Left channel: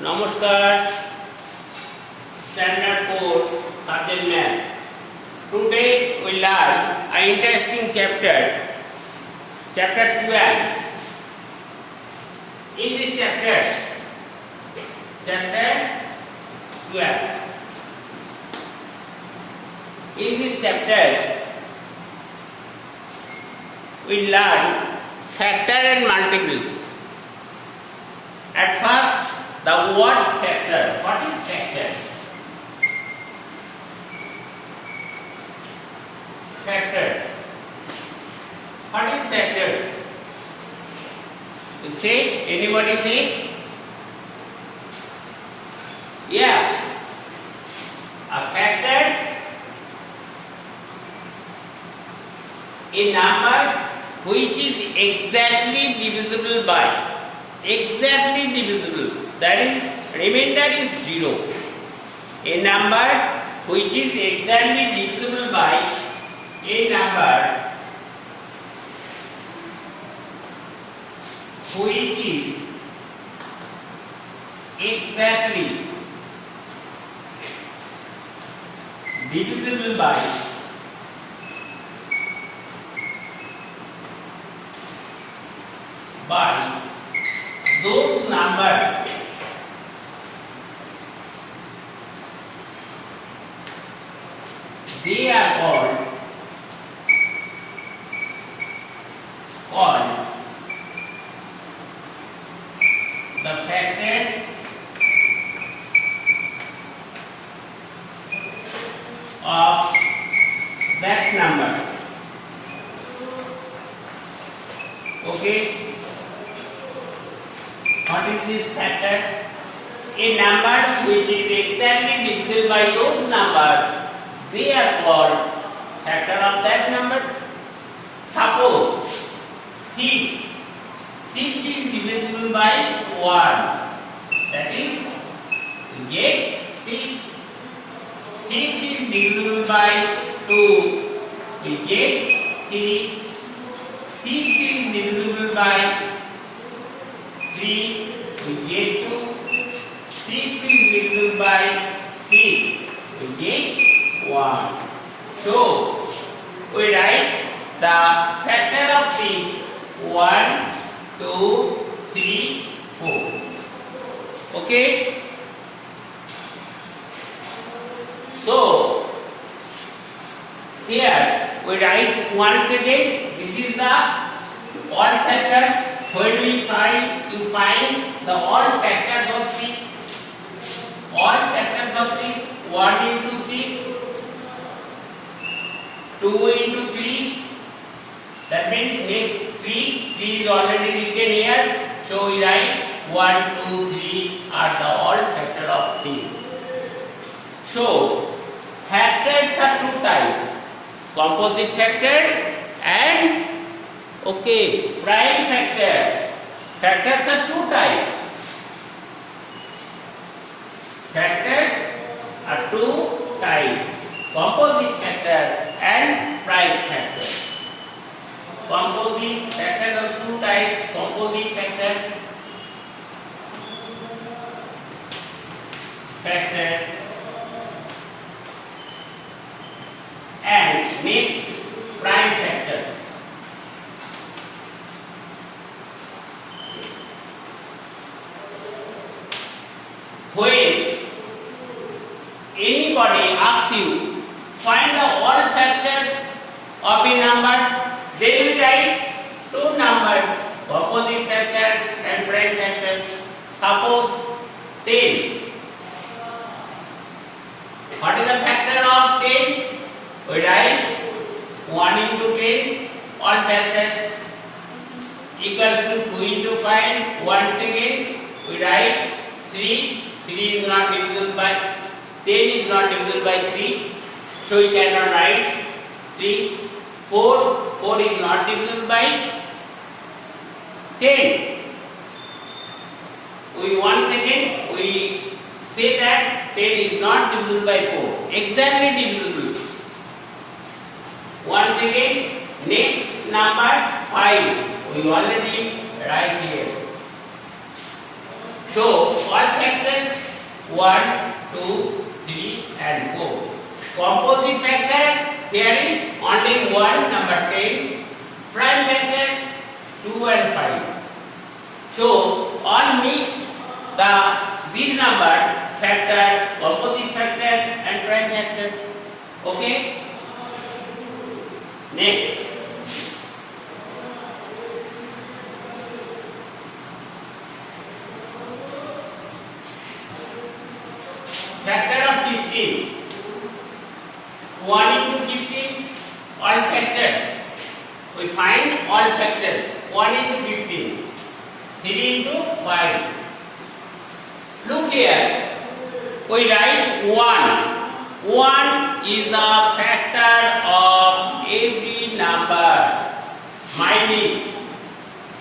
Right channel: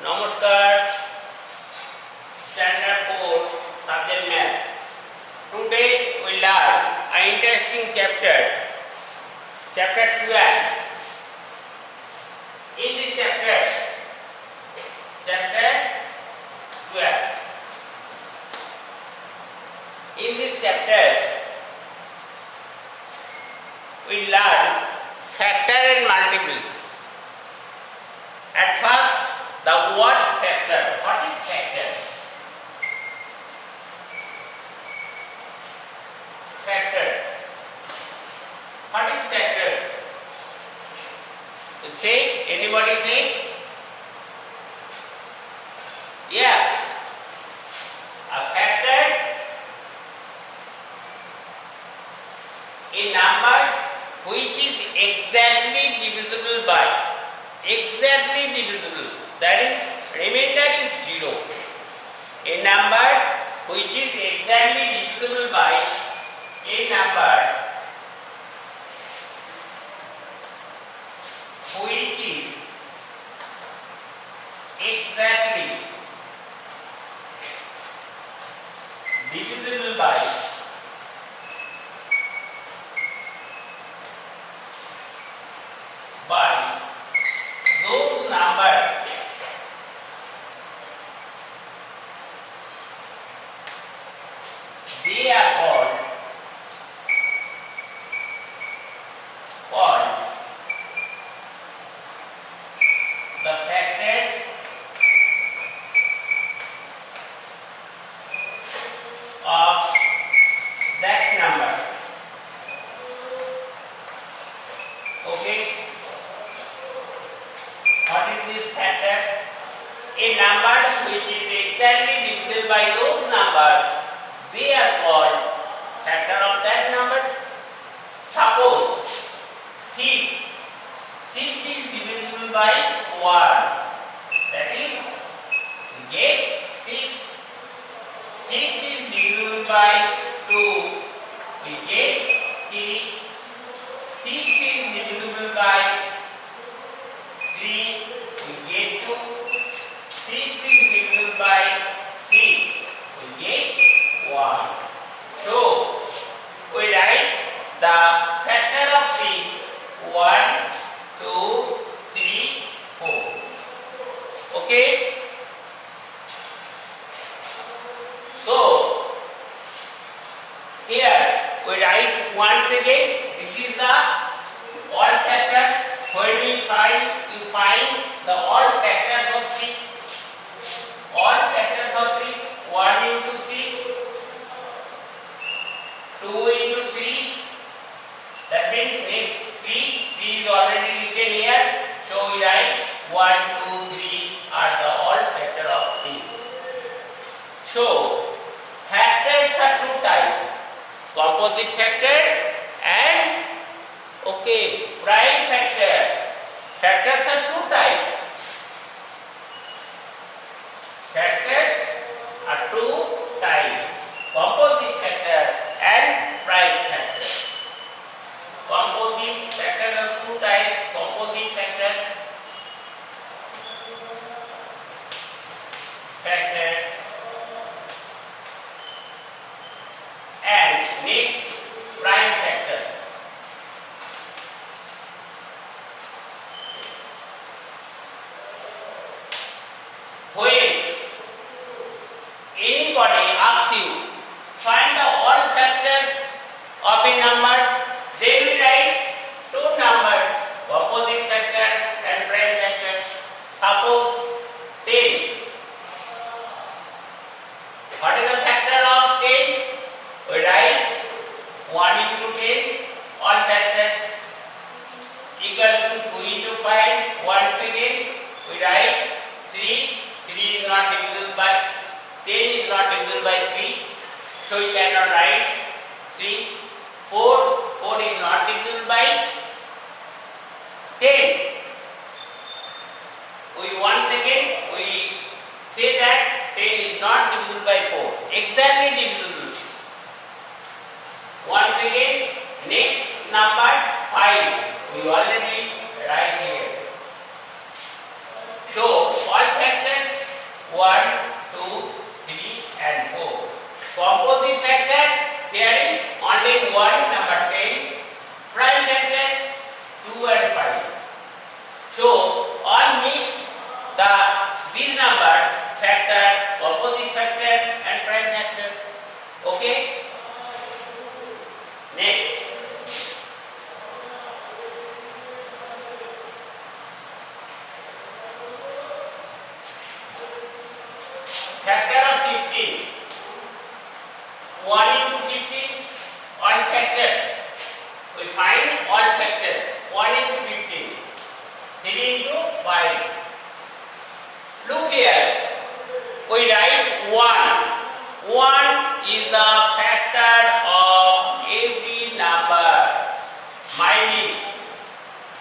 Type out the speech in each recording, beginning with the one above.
Namaskar, Standard 4, Subject Math. Today we learn an interesting chapter, Chapter 12. In this chapter 12, in this chapter we learn factor and multiples. At first, the word factor. What is factor? Factor. What is factor? You say, anybody say? Yes. A factor a number which is exactly divisible by. Exactly divisible. That is, remainder is 0. A number which is exactly divisible by a number which is exactly divisible by those numbers they are called the factors of that number. Okay. What is this factor? A number which is exactly divisible by those numbers, they are called factor of that number. Suppose 6 is divisible by 1. That is, we get 6. 6 is divisible by 2. We get 3. 6 is divisible by 3, we get 2. 6 is divisible by 6, we get 1. So, we write the factor of 6, 1, 2, 3, 4. Okay? So, here we write once again, this is the all factors. When you find the all factors of 6. All factors of 6. 1 into 6. 2 into 3. That means next 3. 3 is already written here. So we write 1, 2, 3 are the all factor of 6. So factors are two types. Composite factor and prime factor. Factors are two types. Factors are two types. Composite factor and prime factor. Composite factors are two types. Composite factor and next prime factor. When anybody asks you find the all factors of a number, they will write two numbers, composite factor and prime factor. Suppose 10. What is the factor of 10? We write 1 into 10, all factors equals to 2 into 5. Once again, we write 3. 3 is not divisible by 10 is not divisible by 3, so we cannot write 3. 4 is not divisible by 10. We once again we say that 10 is not divisible by 4. Exactly divisible. Once again, next number 5. We already write here. So all all factors 1, 2, 3 and 4. Composite factor, there is only one, number 10. Prime factor 2 and 5. So all mixed, these number factor, composite factor and prime factor. Okay. Next. Factor of 15. 1 into 15, all factors. We find all factors. 1 into 15. 3 into 5. Look here. We write 1. 1 is the factor of every number. Mind it.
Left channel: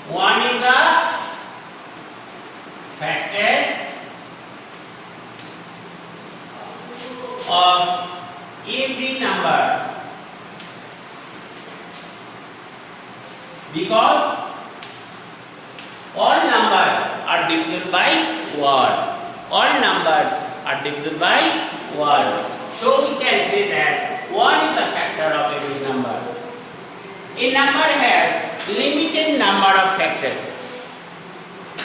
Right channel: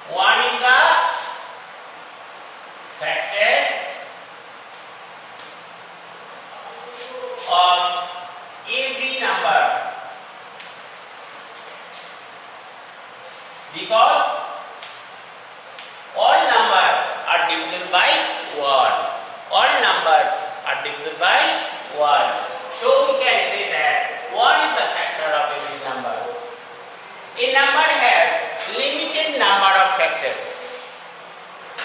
1 is the factor of every number, because all numbers are divisible by 1. All numbers are divisible by 1. So we can say that 1 is the factor of every number. A number has limited number of factors.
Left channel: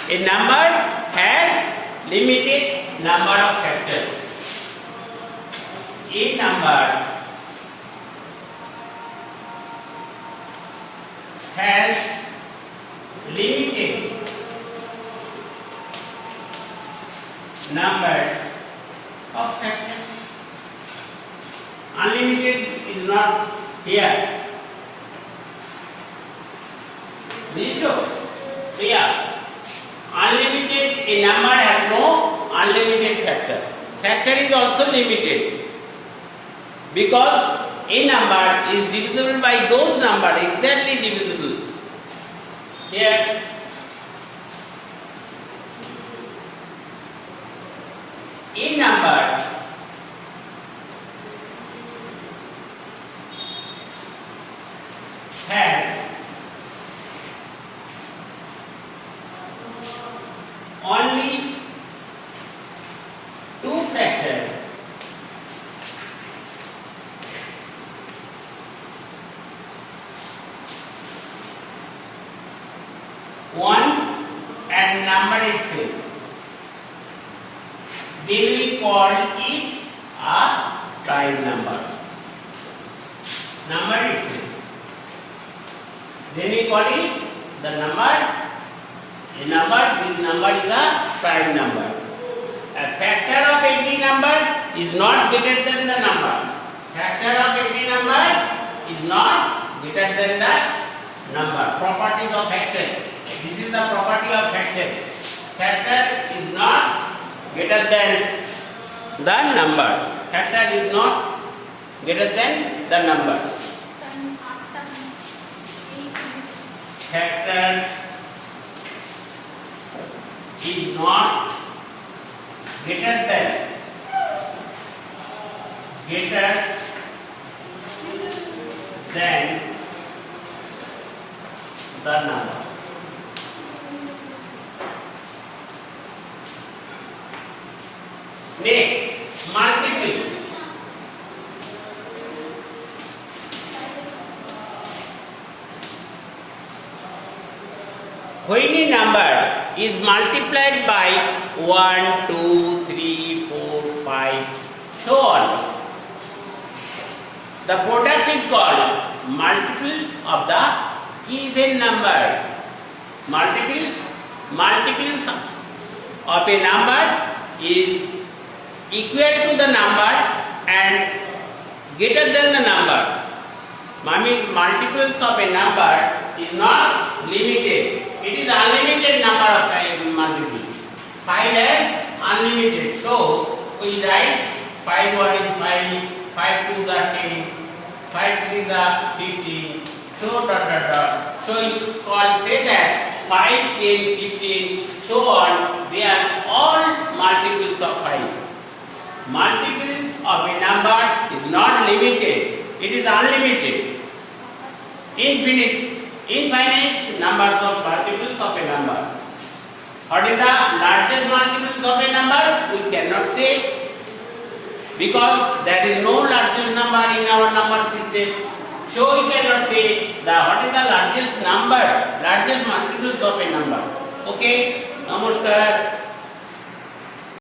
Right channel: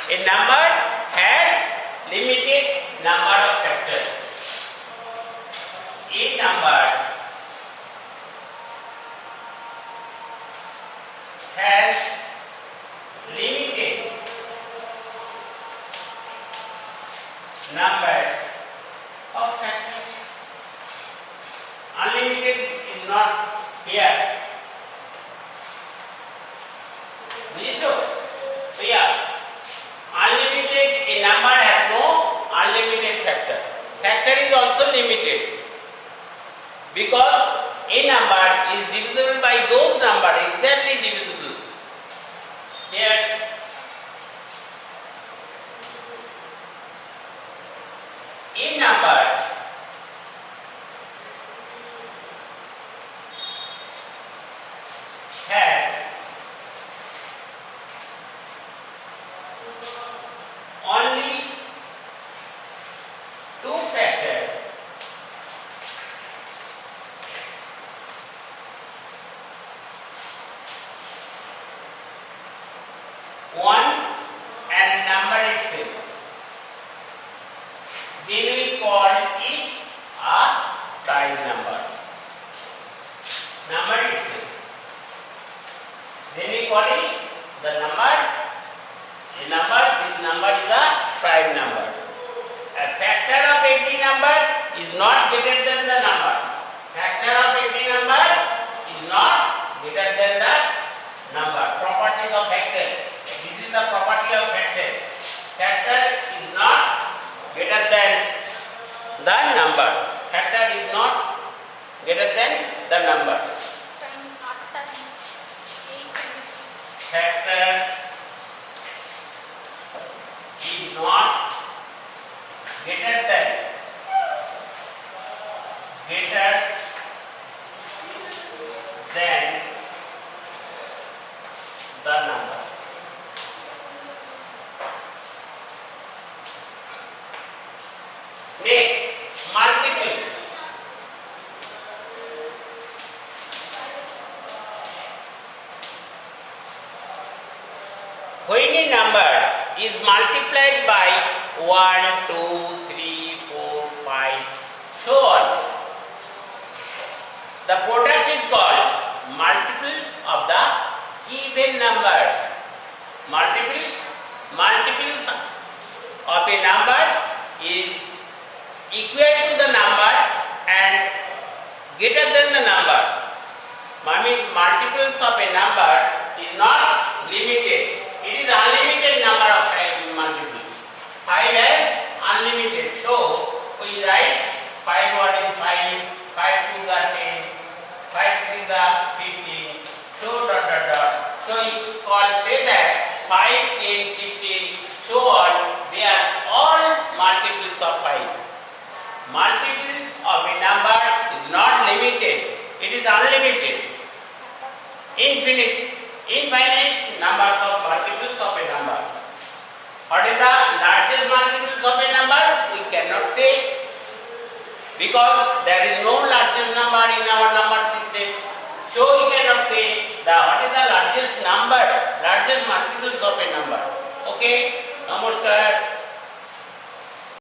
A number has limited number of factors. A number has limited number of factors. Unlimited is not here. So yeah, unlimited, a number has no unlimited factor. Factor is also limited. Because a number is divisible by those numbers, exactly divisible. Here, a number has only two factors. One and number itself. Then we call it a prime number. Number itself. Then we call it the number. A number, this number is a prime number. A factor of every number is not greater than the number. Factor of every number is not greater than the number. Properties of factor. This is the property of factor. Factor is not greater than the number. Factor is not greater than the number. Factor is not greater than the number. Next, multiple. When a number is multiplied by 1, 2, 3, 4, 5, so on, the product is called multiple of the even number. Multiples of a number is equal to the number and greater than the number. I mean, multiples of a number is not limited. It is unlimited number of multiples. 5 is unlimited. So we write 5 1 is 5, 5 2 is 10, 5 3 is 15. So So you call say that 5, 10, 15, so on. They are all multiples of 5. Multiples of a number is not limited. It is unlimited. Infinite numbers of multiples of a number. What is the largest multiples of a number? We cannot say, because there is no largest number in our number system. So we cannot say what is the largest number, largest multiples of a number. Okay, namaskar.